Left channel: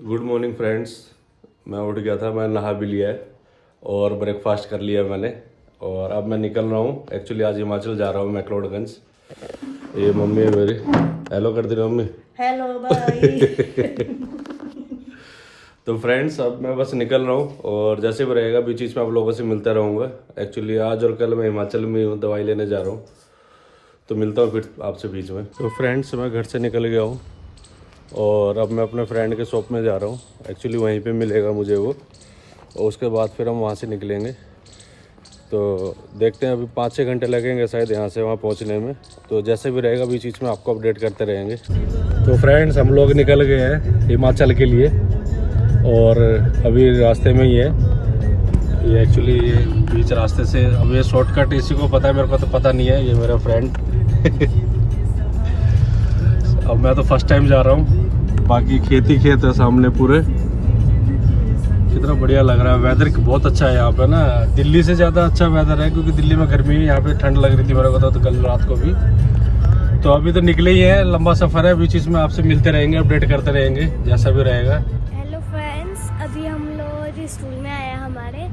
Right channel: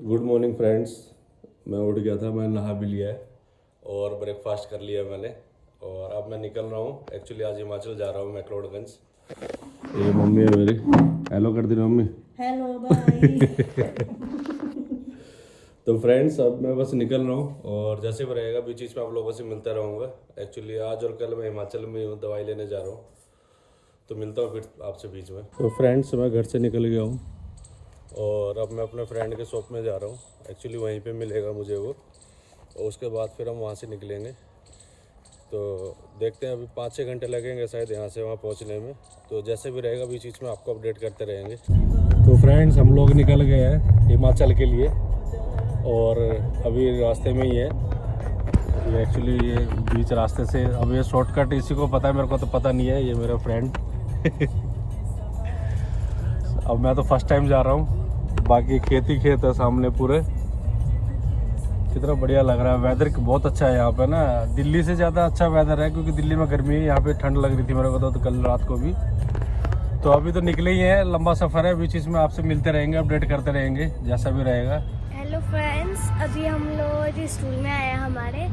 Good morning friends. मैं उठ गया था, मैं नहा भी लिया है और ब्रेकफास्ट कर लिया मैंने और अब मैं निकल रहा हूँ। एक्चुअली आज हिमाचल जा रहा हूँ, मैक्लोडगंज। ये मम्मी है मेरी, हेलो कर दी मम्मी। हेलो भाई। तो फ्रेंड्स अब मैं बस निकल रहा हूँ और जैसे भी रहेगा बीच बीच में आप लोगों से मिलता रहूँगा। एक्चुअली आज और कल मैं हिमाचल में हूँ, दवाई लेने जा रहा हूँ, तो मिलता हूँ फिर आपसे बीच में। तो फ्रेंड्स मैं घर से निकल गया हूँ और अब मैं अपने फ्रेंड के शॉप में जा रहा हूँ। एक्चुअली वहीं पे मिलेगा मुझे वो, और उसके बाद फिर हम वहाँ से निकलेंगे। तो देखते हैं, अभी 5-6 घंटे लगेंगे शायद यहाँ से वहाँ पहुँचने में। तो जैसे भी रहेगा बीच बीच में आपको अपडेट करते रहेंगे। तो फ्रेंड्स हम लोग निकल गए हैं हिमाचल के लिए और अभी रास्ते में ही है ये। एक्चुअली ये बीच रास्ते से, अब ये शॉर्टकट इसी को पता है, मेरे को तो पता नहीं है। ये मेरा फ्रेंड अब मैं तो फर्स्ट टाइम जा रहा हूँ। बाकी खेत ही खेत है सामने पूरे। कितना बढ़िया लग रहा है, वेदर बहुत अच्छा है यहाँ पे ना। दिल्ली से ज़्यादा अच्छा वेदर है क्योंकि दिल्ली में गर्मी है, यहाँ पे ठंड लग रही थी मेरे को तो कल रात को भी। तो अभी तो निकले ही है, लंबा सफ़र है, बीच में आपसे मिलते रहेंगे, अपडेट करते रहेंगे जैसा भी रहेगा। हेलो फ्रेंड्स, अभी हम लोग स्कूल में आए हैं, हमारे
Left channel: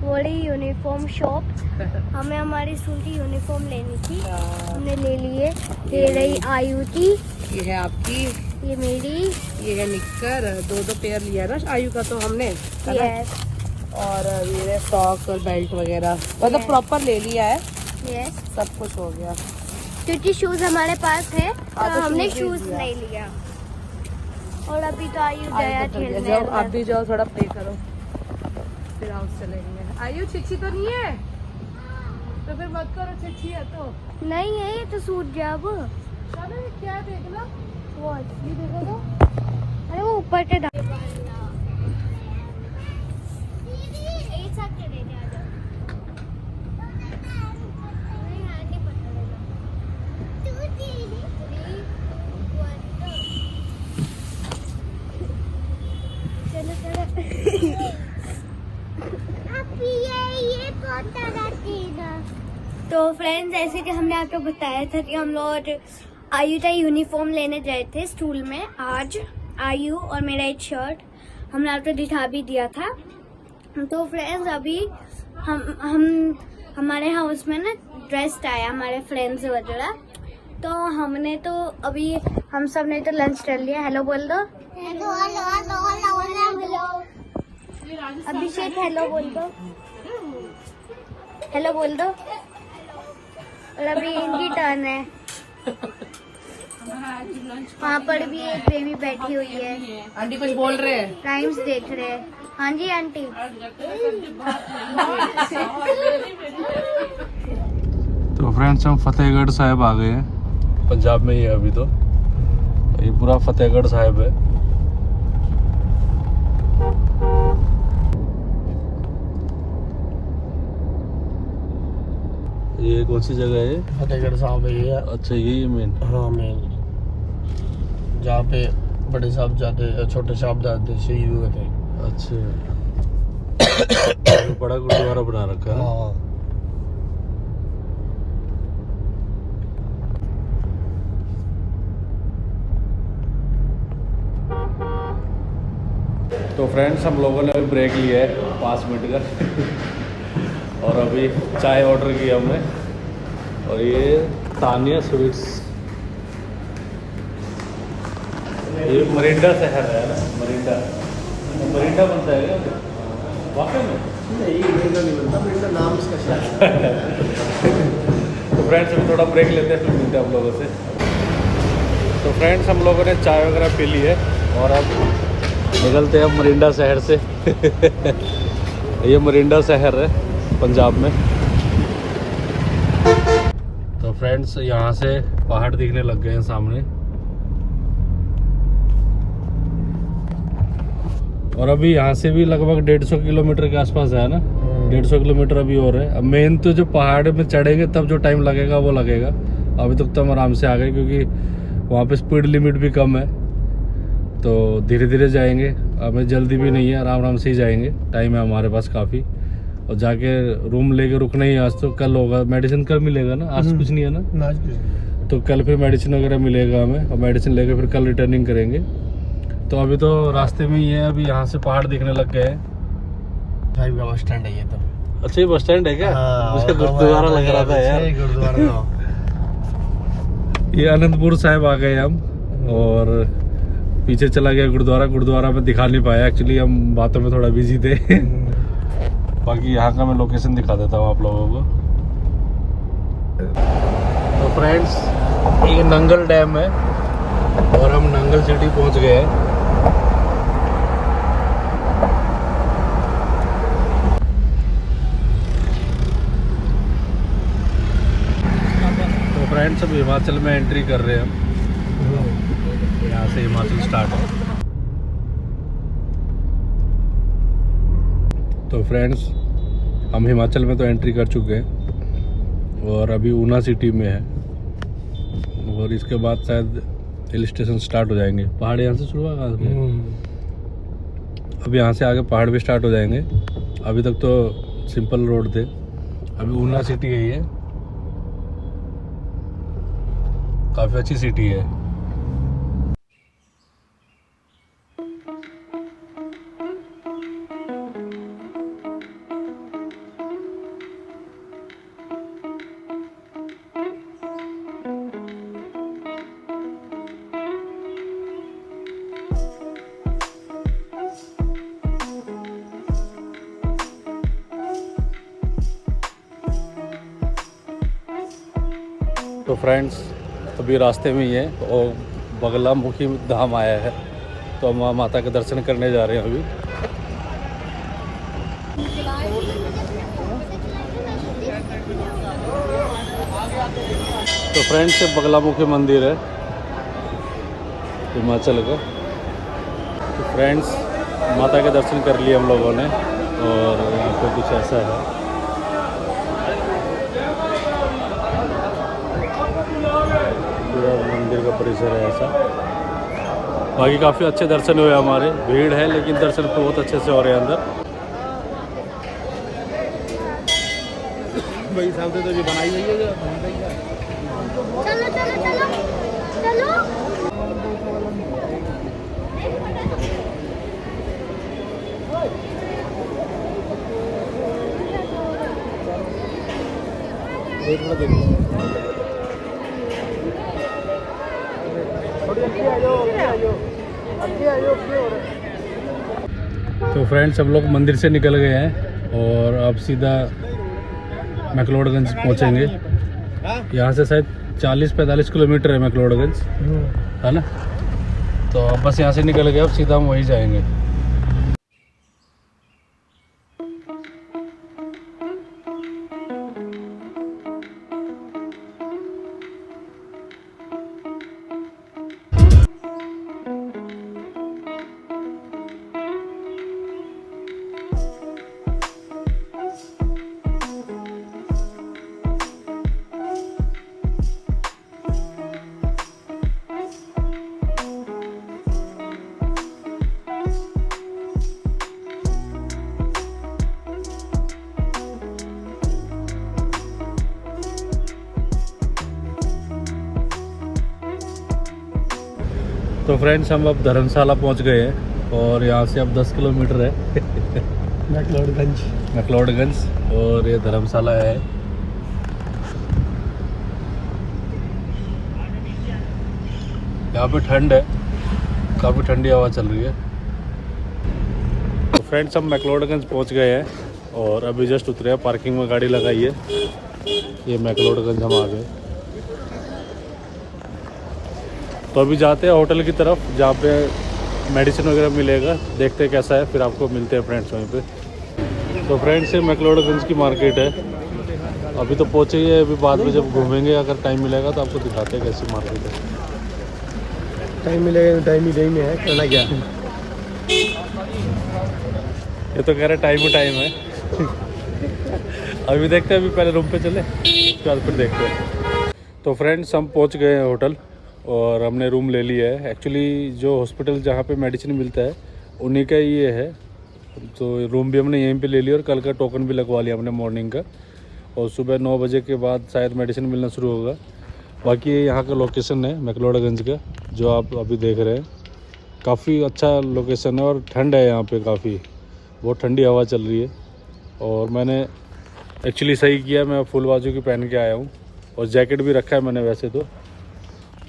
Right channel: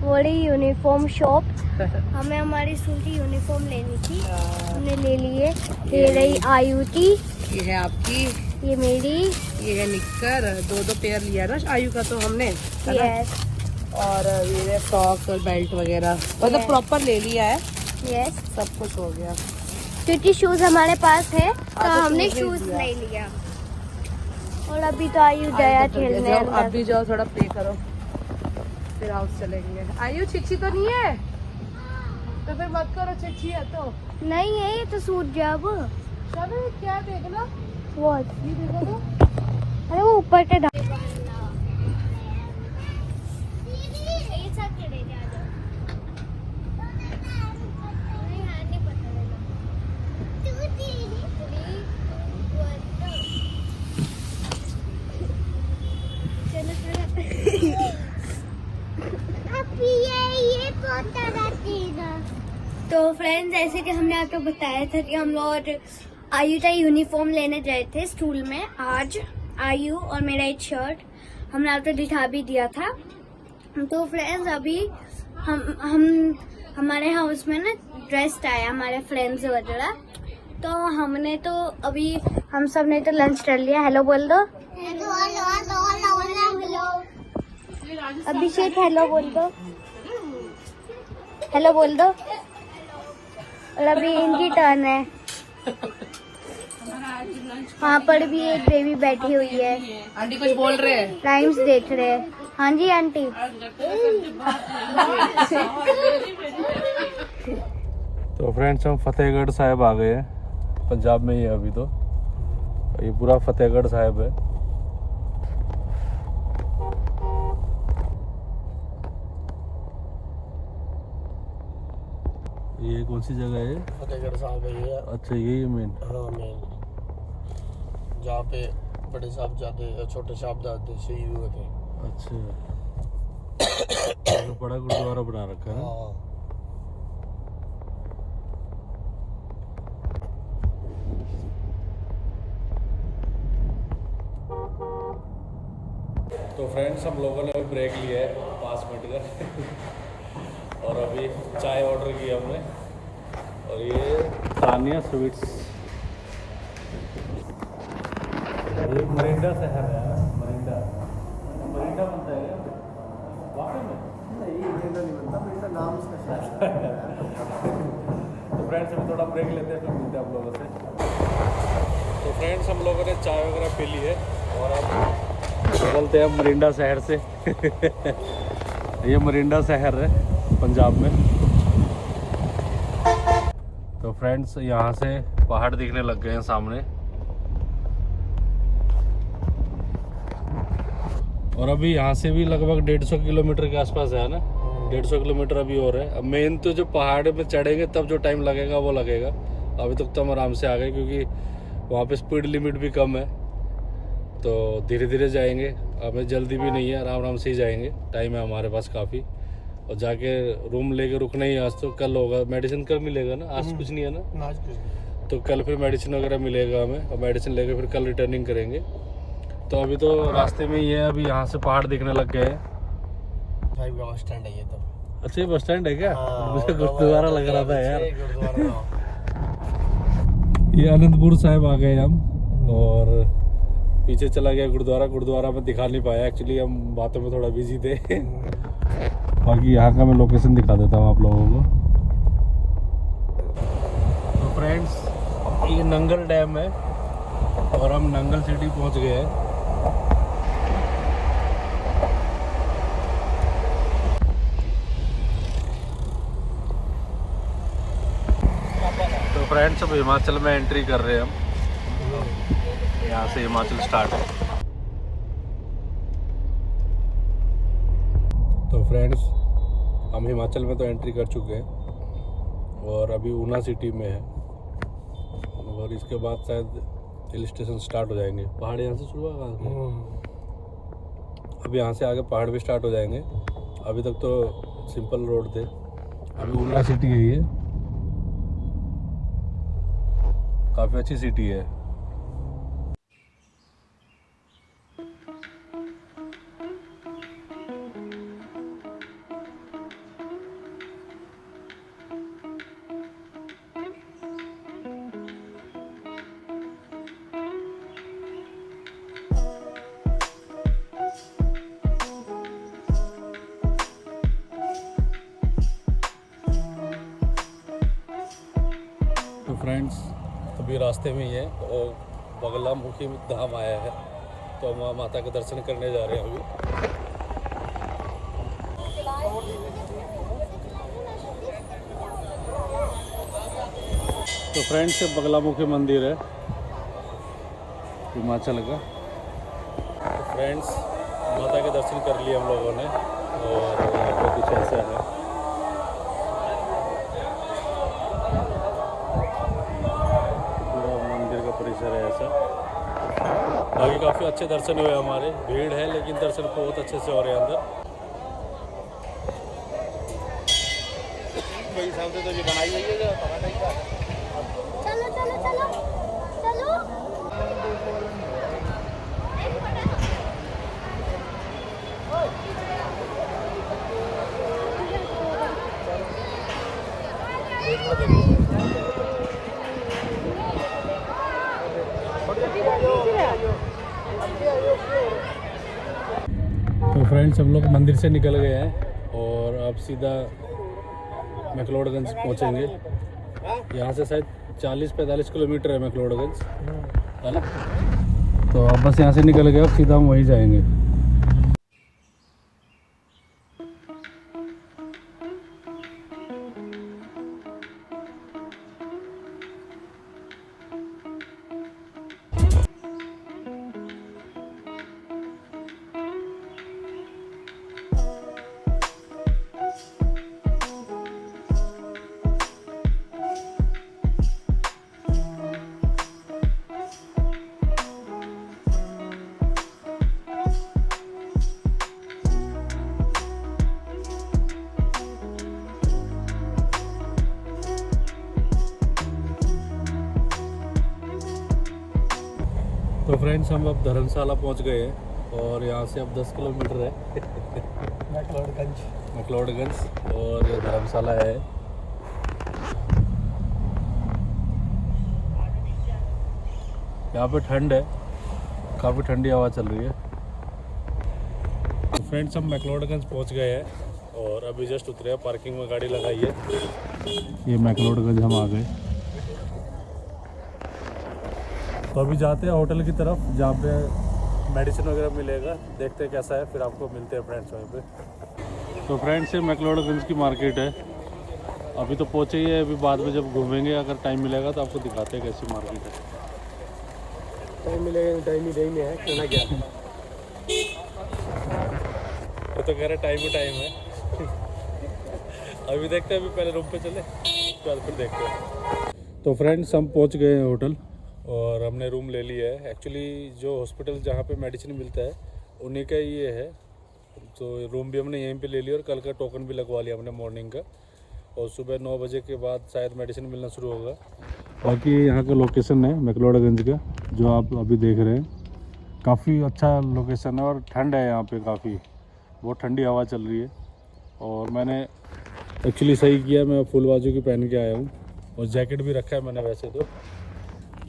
बड़ी यूनिफॉर्म शॉप। हमें हमारी स्कूल की यूनिफॉर्म लेनी थी, हमने ले लिए। ये रही आयु की, ये है आपकी, ये मेरी, ये है निक्कर। दो पेयर लिया ना आयु का तो हमने। यस और ये है सॉक्स और बेल्ट वगैरह, मतलब Yes. प्रॉपर ले लिया है, यस, सब कुछ हो गया। क्योंकि शूज हमारे पास है तो तो हमने शूज शूज ले नहीं लिया। और अभी तो आयु गया खेलने जाओ, अंदर। अब भी जाओ, थोड़ा प्ले करो, फिर आउट चलेंगे। आयु छिछी तो नहीं है, तो फिर मत करो, छिछी है तो नहीं है, ये तो सूट गया अब। चलो। क्या देखना, What? ये देखो, अरे वो ऊपर के तो फ्रेंड्स, ऐसे कि हमने आपको बताया था कि हम लोग आयु का यूनिफॉर्म लेने गए थे स्कूल में आज। आयु और मेरा एक शर्ट हमने आपको दिखा भी दिया था। तो फ्रेंड्स अभी हम हमारे हाउस में ना गेस्ट आया, हमारे फ्रेंड्स वगैरह। तो हमने तो अभी हम सब ने तो लंच कर लिया। हेलो बोल दो। अभिषेक हेलो बोल दो। हेलो बोल दो। और अभी इनकी टर्न है। वहाँ पर भी एक बेबी बैठी हुई है, आंटी कुछ बोल रहे हैं। राइम्स देख रहे हैं। हाँ जी आंटी। तो फ्रेंड्स हम फतेहगढ़ साहिब आ गए हैं, पंजाब में ही है अभी। तो ये पूरा फतेहगढ़ साहिब है। ये कौन सी जगह है? फतेहगढ़ साहब है ये। अच्छा ये मेन। हाँ मेन, जहाँ पे बड़े साहबजादे छोटे साहबजादे शहीद हुए थे। अच्छा बड़ा गुरुद्वारा बना रखा है। हाँ, तो फ्रेंड्स हम लोगों ने अभी ब्रेक लिया है 5 मिनट का और अभी चाय ऑर्डर की हमने। और ये तानिया स्वीट्स, ये मरिंडा शहर है ना, मरिंडा बनता है क्या वाकई में? नहीं मरिंडा नहीं बनता, मरिंडा नाम इसका शहर है। तो फ्रेंड्स अभी थोड़ा ब्रेक लेते हैं, फिर मिलते हैं आप लोगों से। तो फ्रेंड्स हम लोगों ने चाय वगैरह पी ली है और अब निकलते हैं मरिंडा शहर से। ये मरिंडा शहर है पंजाब में। तो फ्रेंड्स यहाँ से पहाड़ दिखने लग गए हैं सामने। और अभी यहाँ से भी लगभग 150 किलोमीटर के आसपास है ना, 150 किलोमीटर अभी और है। अब मेन तो जो पहाड़ में चढ़ेंगे तब जो टाइम लगेगा वो लगेगा। अभी तक तो हम आराम से आ गए क्योंकि वहाँ पे स्पीड लिमिट भी कम है, तो धीरे धीरे जाएंगे। हमें जल्दी भी नहीं है, आराम आराम से ही जाएंगे, टाइम है हमारे पास काफ़ी। और जाके रूम लेके रुकना ही, आज तो कल होगा। मेडिसिन कल मिलेगा ना, आज कुछ नहीं है ना, आज कुछ नहीं। तो कल फिर मेडिसिन वगैरह मिलेगा हमें, और मेडिसिन लेके फिर कल रिटर्निंग करेंगे। तो तो अभी तो रास्ते में ही है, अभी यहाँ से पहाड़ दिखने लग गए हैं। साहिब का बस स्टैंड है ये तो। अच्छा ये बस स्टैंड है क्या? हाँ, उसका वो गुरुद्वारा लग रहा था यार। गुरुद्वारा ये आनंदपुर साहिब आ गए हम, और पीछे चला गया गुरुद्वारा में दिखा नहीं पाया, एक्चुअली हम बातों में थोड़ा बिजी थे। बाकी यहाँ का मैं लोकेशन दिखा देता हूँ आप लोगों को। तो फ्रेंड्स ये नंगल डैम है और हम नंगल सिटी पहुँच गए हैं। तो फ्रेंड्स अब हिमाचल में एंट्री कर रहे हैं हम, यहाँ से हिमाचल स्टार्ट है। तो फ्रेंड्स हम हिमाचल में तो एंट्री कर चुके हैं और अभी ऊना सिटी में है, और इसके बाद शायद हिल स्टेशन स्टार्ट हो जाएंगे। पहाड़ यहाँ से शुरू होगा, अब यहाँ से आगे पहाड़ भी स्टार्ट हो जाएंगे। अभी तक तो सिंपल रोड थे, अभी ऊना सिटी है ये, काफ़ी अच्छी सिटी है। तो फ्रेंड्स अभी रास्ते में ही है और बगलामुखी धाम आया है, तो हम वहाँ माता के दर्शन करने जा रहे हैं अभी। तो फ्रेंड्स ये बगलामुखी मंदिर है हिमाचल का। तो फ्रेंड्स माता के दर्शन कर लिए हम लोगों ने, और यहाँ पे कुछ ऐसा है। मंदिर का परिसर है ऐसा। बाकी काफ़ी अच्छे दर्शन हुए हमारे, भीड़ है लेकिन दर्शन बहुत अच्छे से हो रहे हैं अंदर। भाई साहब तो ये बनाई हुई है। चलो चलो चलो चलो। तो फ्रेंड्स हम लोग मंदिर से निकल गए हैं और अब सीधा मैक्लोडगंज पहुंचेंगे। यहाँ से शायद 40-45 किलोमीटर है मैक्लोडगंज, है ना। तो अब बस यहाँ से निकल गए, अब सीधा हम वहीं जाएंगे। तो फ्रेंड्स हम अब धर्मशाला पहुंच गए हैं और यहाँ से अब 10 किलोमीटर है मैक्लोडगंज, और ये धर्मशाला है। यहाँ पे ठंड है, काफ़ी ठंडी हवा चल रही है। तो फ्रेंड्स हम मैक्लोडगंज पहुँच गए हैं और अभी जस्ट उतरे हैं, पार्किंग में गाड़ी लगाई है। ये मैक्लोडगंज हम आ गए। तो अभी जाते हैं होटल की तरफ जहाँ पे मेडिसिन वगैरह मिलेगा, देखते हैं कैसा है, फिर आपको मिलते हैं फ्रेंड्स वहीं पे। तो फ्रेंड्स ये मैक्लोडगंज की मार्केट है, अभी तो पहुँचे ही है, अभी बाद में जब घूमेंगे अगर टाइम मिलेगा तो आपको दिखाते हैं कैसी मार्केट है। टाइम मिलेगा तो टाइम ही टाइम है, करना क्या। ये तो कह रहे टाइम है। अभी देखते हैं, अभी पहले रूम पे चले उसके बाद फिर देखते हैं। तो फ्रेंड्स हम पहुँच गए हैं होटल और हमने रूम ले लिया है। एक्चुअली जो हॉस्पिटल जहाँ पे मेडिसिन मिलता है उन्हीं का ये है, तो रूम भी हमने यहीं पे ले लिया और कल का टोकन भी लगवा लिया हमने मॉर्निंग का, और सुबह 9 बजे के बाद शायद मेडिसिन मिलना शुरू होगा। बाकी यहाँ का लोकेशन है मैक्लोडगंज का जो आप अभी देख रहे हैं, काफ़ी अच्छा लोकेशन है और ठंड है यहाँ पे काफ़ी, बहुत ठंडी हवा चल रही है। और मैंने एक्चुअली सही किया, मैं फुल बाजू की पहन के आया हूँ और जैकेट भी रखा है मैंने वैसे तो।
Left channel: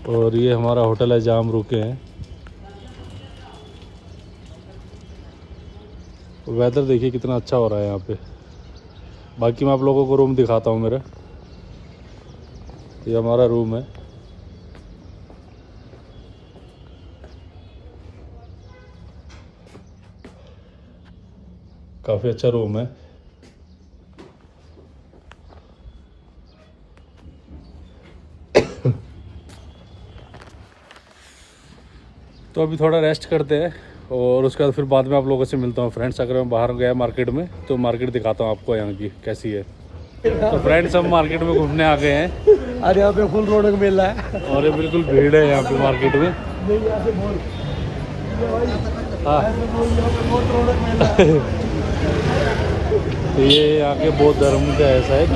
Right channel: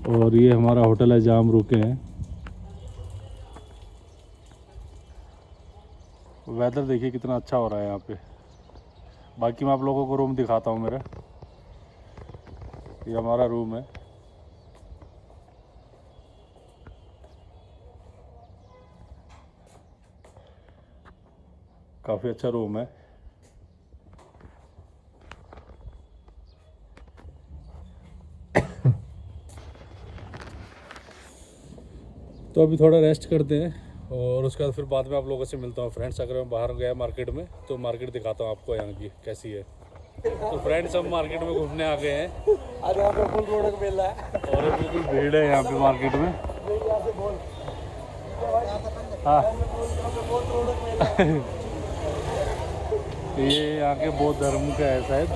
और ये हमारा होटल है जहाँ हम रुके हैं। वेदर देखिए कितना अच्छा हो रहा है यहाँ पे। बाकी मैं आप लोगों को रूम दिखाता हूँ मेरा। ये हमारा रूम है। काफ़ी अच्छा रूम है। तो अभी थोड़ा रेस्ट करते हैं और उसके बाद फिर बाद में आप लोगों से मिलता हूँ फ्रेंड्स। अगर मैं बाहर गया मार्केट में तो मार्केट दिखाता हूँ आपको यहाँ की कैसी है। तो फ्रेंड्स हम मार्केट में घूमने आ गए हैं। अरे यहाँ पे फुल रौनक मिल रहा है। और ये बिल्कुल भीड़ है यहाँ पे मार्केट में। तो ये यहाँ के बौद्ध धर्म का है शायद।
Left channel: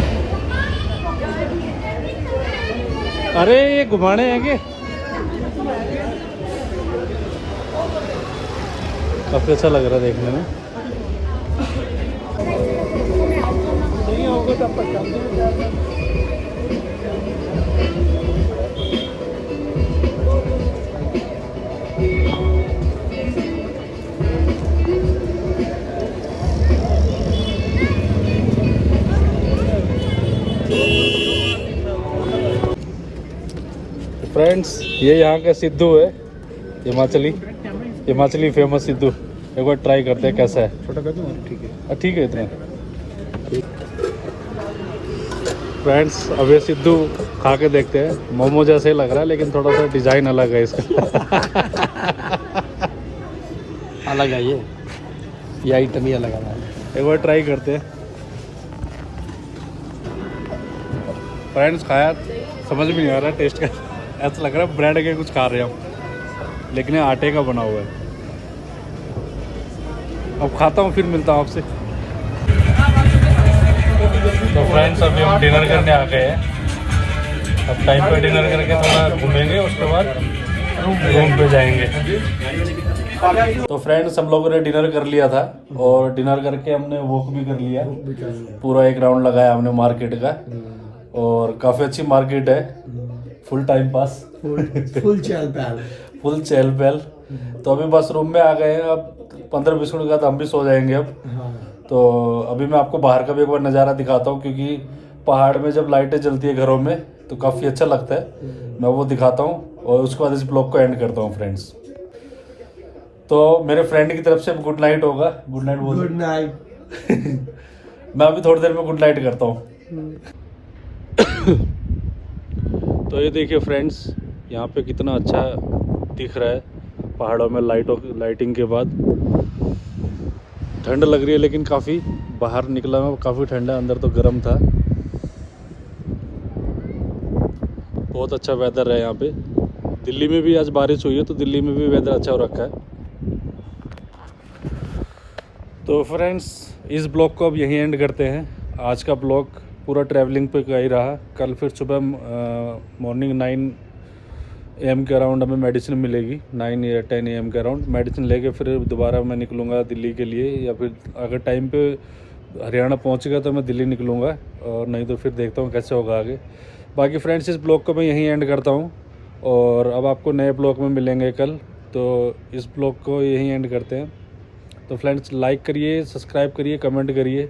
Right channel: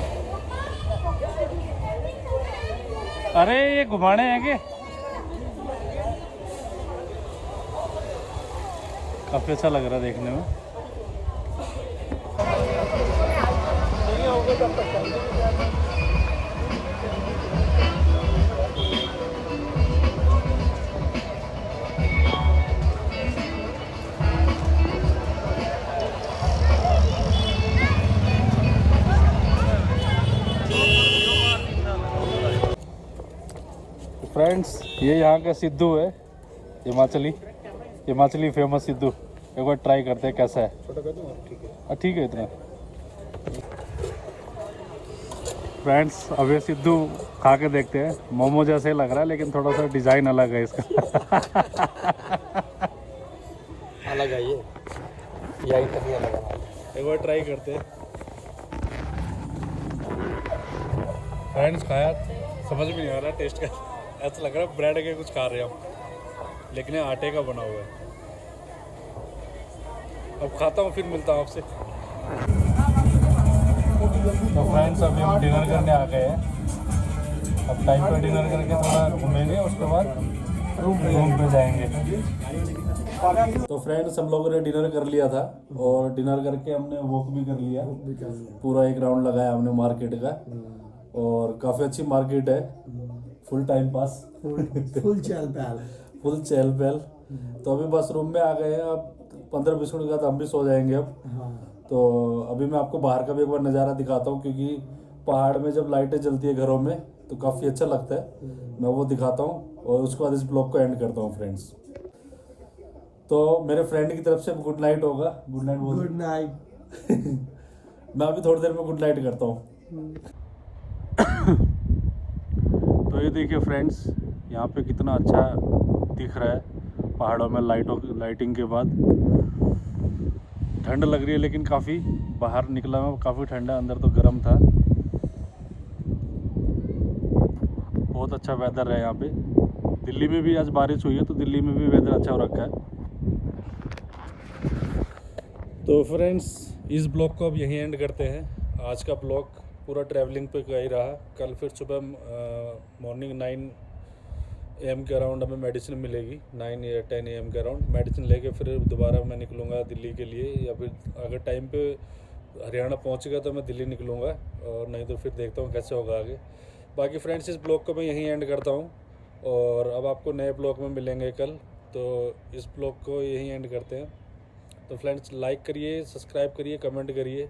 अरे ये घुमाने हैं क्या? काफ़ी अच्छा लग रहा है देखने में। फ्रेंड्स ये यहाँ का सिद्धू है, हिमाचली फेमस सिद्धू। एक बार ट्राई करते हैं कैसा है। छोटा कर दूँ? ठीक है। ठीक है इतना। फ्रेंड्स अब ये सिद्धू खा के देखते हैं। मोमो जैसे लग रहा है लेकिन थोड़ा सा डिज़ाइन अलग है इसका। अलग है ये आइटम ही अलग है। एक बार ट्राई करते हैं। फ्रेंड्स खाया, समझ में नहीं आ रहा टेस्ट का। ऐसा लग रहा है ब्रेड के कुछ खा रहे हैं हम, लेकिन ये आटे का बना हुआ है। अब खाता हूँ फिर मिलता हूँ आपसे। तो फ्रेंड्स अभी हम डिनर करने आ गए हैं। अब टाइम पे डिनर करके थोड़ा घूमेंगे, उसके बाद रूम पे जाएंगे। तो फ्रेंड्स हम लोगों ने डिनर कर लिया था और डिनर करके हमने वॉक भी कर लिया। पूरा एक राउंड लगाया हमने मार्केट का और काफ़ी अच्छी मार्केट है। फुल टाइम पास, फुल चहल पहल। तो अभी बस रूम में आ गए हैं। अब 15-20 मिनट के बाद हम भी सो जाएंगे अब। तो अभी मैं आपको बाहर का भी एक बार नज़ारा दिखाता हूँ, क्योंकि पहाड़ में जब लाइटें जलती है घरों में तो काफ़ी अच्छा लगता है। मैं वो दिखाता हूँ और उसके बाद इस ब्लॉग को एंड करता हूँ फ्रेंड्स। तो मेरे फ्रेंड की तरफ से गुड नाइट होगा। गुड नाइट बोल। Good night. मैं अभी थोड़ी देर में गुड नाइट करता हूँ। तो ये देखिए फ्रेंड्स, यहाँ पे कितना अच्छा दिख रहा है पहाड़ों में लाइटिंग के बाद। ठंड लग रही है लेकिन काफ़ी, बाहर निकला मैं काफ़ी ठंडा, अंदर तो गर्म था। बहुत अच्छा वेदर है यहाँ पे। दिल्ली में भी आज बारिश हुई है तो दिल्ली में भी वेदर अच्छा हो रखा है। तो फ्रेंड्स इस ब्लॉग को अब यहीं एंड करते हैं। आज का ब्लॉग पूरा ट्रैवलिंग पे का ही रहा। कल फिर सुबह मॉर्निंग 9 AM के अराउंड हमें मेडिसिन मिलेगी। 9 या 10 AM के अराउंड मेडिसिन लेके फिर दोबारा मैं निकलूँगा दिल्ली के लिए, या फिर अगर टाइम पे हरियाणा पहुँच गया तो मैं दिल्ली निकलूँगा, और नहीं तो फिर देखता हूँ कैसे होगा आगे। बाकी फ्रेंड्स इस ब्लॉग को मैं यहीं एंड करता हूँ और अब आपको नए ब्लॉग में मिलेंगे कल। तो इस ब्लॉग को यहीं एंड करते हैं। तो फ्रेंड्स लाइक करिए, सब्सक्राइब करिए, कमेंट करिए,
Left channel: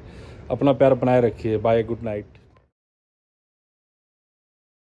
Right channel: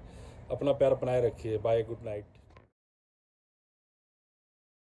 अपना प्यार बनाए रखिए। Bye, good night.